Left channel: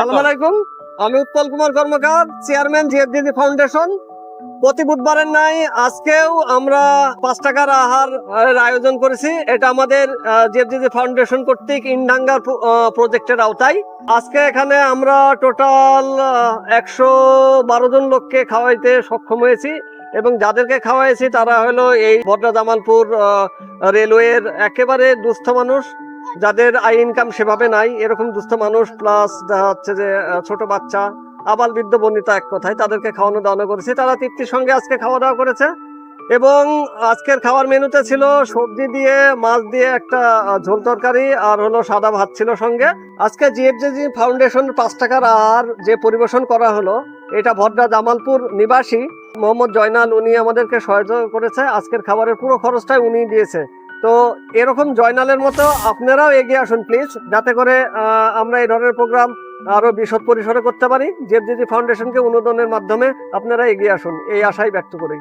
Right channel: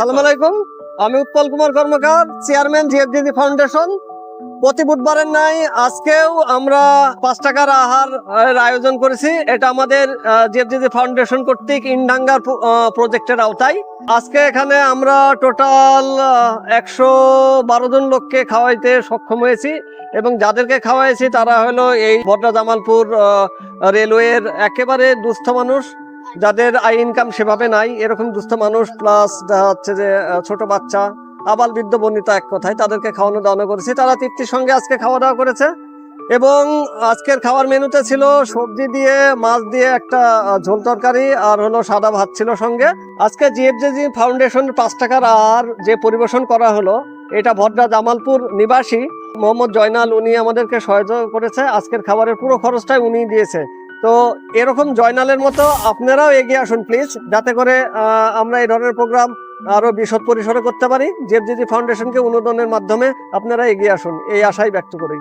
আসসালামু আলাইকুম। আমি উৎপল কুমার কর্মকার, চেয়ারম্যান জিএফডিজি ফাউন্ডেশন। প্রতি বুধবারের নাই আজকেও আমরা 5 টাকার আহার আয়োজন করেছি। এটা আমাদের জিএফডিজি ফাউন্ডেশন কর্তৃক ইনডাঙ্গার প্রজেক্টের আওতায়। আজকে এখানে আমরা টোটাল 112 জন লোককে খাওয়াইতে সক্ষম হয়েছি এবং যাদেরকে খাওয়াইছি তারা হলো এই বড্রা জামালপুর রেলওয়ের একেবারে দুস্থ মানুষ, যাদের আয় ইনকাম সেভাবে নাই, এরকম দুস্থ মানুষ, প্লাস দেখা যাচ্ছে যে ছোট বাচ্চা, আবাল বৃদ্ধ বনিতা, এক কথায় তাদেরকে খাওয়ানো দাওয়ানো করেছি। তারা তৃপ্তির সঙ্গে আজকে খাওয়া দাওয়া করেছে এবং আজকের খাওয়ার মেনুতে ছিল সবজি দিয়ে, মাছ দিয়ে একটা ঝোল তরকারি, আর হলো সাদা ভাত ছিল সঙ্গে। আজকে জিএফডিজি ফাউন্ডেশন 5 টাকার আহার যে পরিবেশন করা হলো, এটা ভদ্রা জামালপুর নিবাসী মোহাম্মদ জয়নাল, উনি আমাদেরকে সহায়তা করেছে। আজকের খাবারের পুরো খরচটাই উনি দিয়েছে। তো এরকম জয়নালের মতো আপনারাও এগিয়ে আসুন প্লিজ, যাতে করে আমরা এই ধরনের প্রোগ্রাম আরো বিশদ পরিসরে করতে পারি। জিএফডিজি ফাউন্ডেশনকে অনুদানের মাধ্যমে আপনারা এগিয়ে আসুন, এই আশাই ব্যক্ত করি।